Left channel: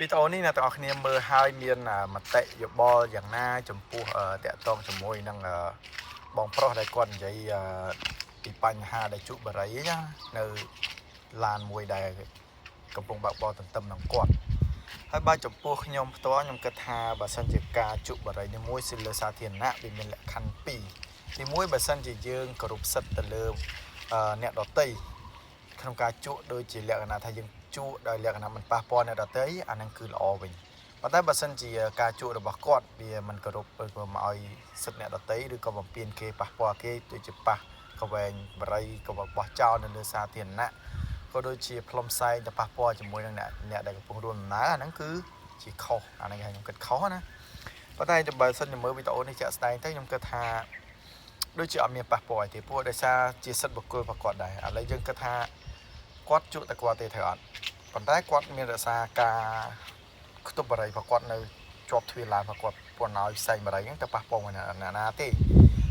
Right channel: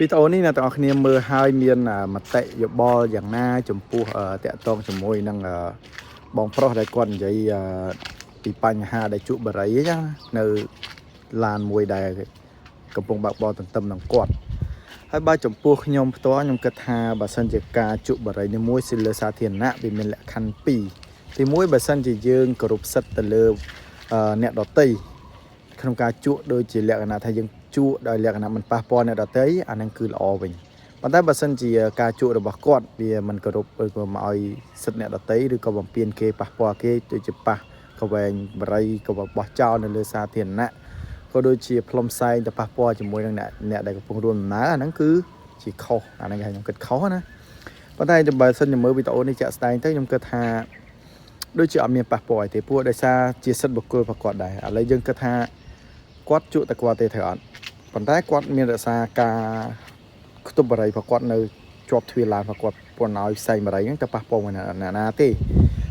វីដេអូនេះអ្នកទាំងអស់គ្នាមើលហើយមានមតិយោបល់យ៉ាងណាចំពោះតាក់ទងជាមួយនឹងបងប្រុសដែលគាត់និយាយពីបញ្ហាដែលជក់បារីអញ្ចឹងនៅឡានមួយដែលកំពុងបើកបរទន្ទឹមនឹងគាត់ហើយបើចំពោះខ្ញុំផ្ទាល់ខ្ញុំគិតថាបើសិនជាការជក់បារីនេះមួយលើសាធារណៈវាមានលក្ខខណ្ឌពីរទីមួយបើសិនជាយើងគោរពសិទ្ធិទៅលើអ្នកដទៃក្នុងការជក់ដូចជាលក្ខណៈថាយើងជក់ដោយលក្ខណៈមិនប៉ះពាល់អ្នកដទៃអានឹងគឺល្អវិញប៉ុន្តែបើសិនជាការជក់របស់គាត់វាមិនគោរពឬក៏មកឲ្យសិទ្ធិអ្នកដទៃឬក៏បំពានគេប៉ះពាល់គេដូចជាប៉ះកវែងបរិយក៏បោះចោលនៅលើសាធារណៈក៏ដូចជាផ្លុំផ្សែងទៅប៉ះពាល់ជាមួយនឹងអ្នកដែលកំពុងរួមដំណើរអាហ្នឹងគឺជាខុសអាហ្នឹងខ្ញុំគិតខុសណាប៉ុន្តែបើសិនជាមើលវីដេអូនេះជាក់ស្ដែងទៅខ្ញុំគិតថាដូចជាអត់មានប៉ះពាល់អីទេព្រោះដោយសារជាសិទ្ធិបុគ្គលរបស់គាត់ដែរឥឡូវយើងគិតថាគាត់ជក់តែគាត់ទេត្រូវអត់ប៉ុន្តែគាត់មានរក្សាការខ្ទប់បរិយរបស់គាត់នៅជាប់ទ្វារឡានរបស់គាត់ពុនឲ្យផ្សែងបរិយហ្នឹងទៅប៉ះពាល់មកអ្នកណាទេ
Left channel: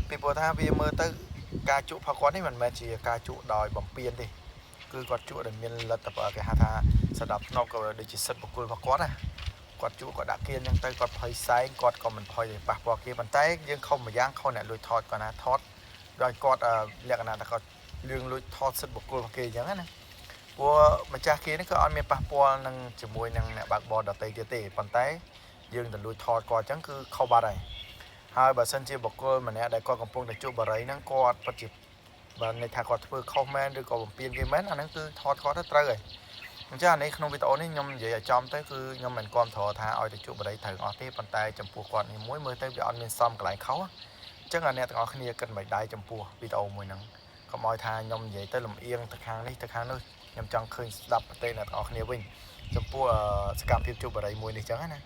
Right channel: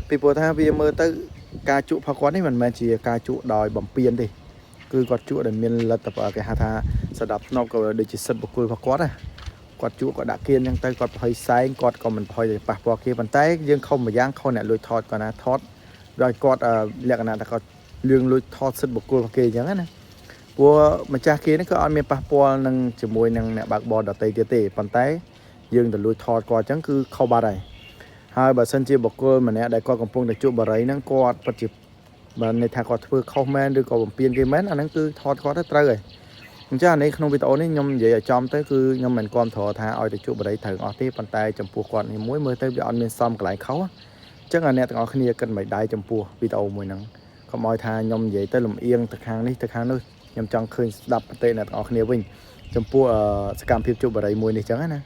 ពីព្រោះថាវាមើលទៅការជក់របស់គាត់នេះមិនមែនជាការជក់ដោយបំពានទេគឺគាត់ជក់ដែលមានលទ្ធផលគេហៅថាសដាប់ធ្នាប់ក៏ដូចជាសិទ្ធិបុគ្គលរបស់គាត់ណាគាត់ជក់គាត់ដាក់គៀនអញ្ចឹងទៅគាត់ប្រហែលផ្សែងគាត់ក៏មិនប្រហែលប៉ះពាល់គេប៉ុន្តែយើងខុសម្យ៉ាងខុសអ្នកលួចថតគាត់ណាថតដោយគាត់លក្ខណៈថាគាត់លឿងលួចថតសិទ្ធិបុគ្គលរបស់គេអញ្ចឹងណាព្រោះម្ចាស់គេនេះក៏អត់មានប៉ះពាល់នឹងជាមួយនឹងអ្នកបើកបរដទៃទៀតទេប៉ុន្តែយើងទៅលួចថតគាត់អញ្ចឹងគឺខុសបាត់ហើយបើសិនជាបុគ្គលម្នាក់ដែលគាត់កំពុងតែជក់បារីហ្នឹងគាត់ពិតជាបើន័យថាគាត់ធ្វើខុសមែនឬក៏បំពានគេមែនអាហ្នឹងគឺថតគាត់ទៅត្រូវហើយអញ្ចឹងអានេះក្នុងវីដេអូនេះខ្ញុំនិយាយឲ្យចំទៅគឺខ្ញុំមិនគាំទ្រថាឲ្យទៅជក់បារីត្រូវអស់ទេប៉ុន្តែចំពោះគាត់នេះមួយមើលទៅវាអត់មានសមកន្លែងខុសអញ្ចឹងអ្នកទាំងអស់គ្នាគិតមិនដែរចំពោះវីដេអូមួយហ្នឹងកុំឲ្យថាខ្ញុំនិយាយទៅលំអៀងទៅខាងនេះទៅខាងនោះខ្ញុំចង់ឃើញស្ដាប់ប្រទេសអ្នកទាំងអស់គ្នាវិញចំពោះសកម្មភាពជក់បារីមួយនេះអញ្ចឹងណា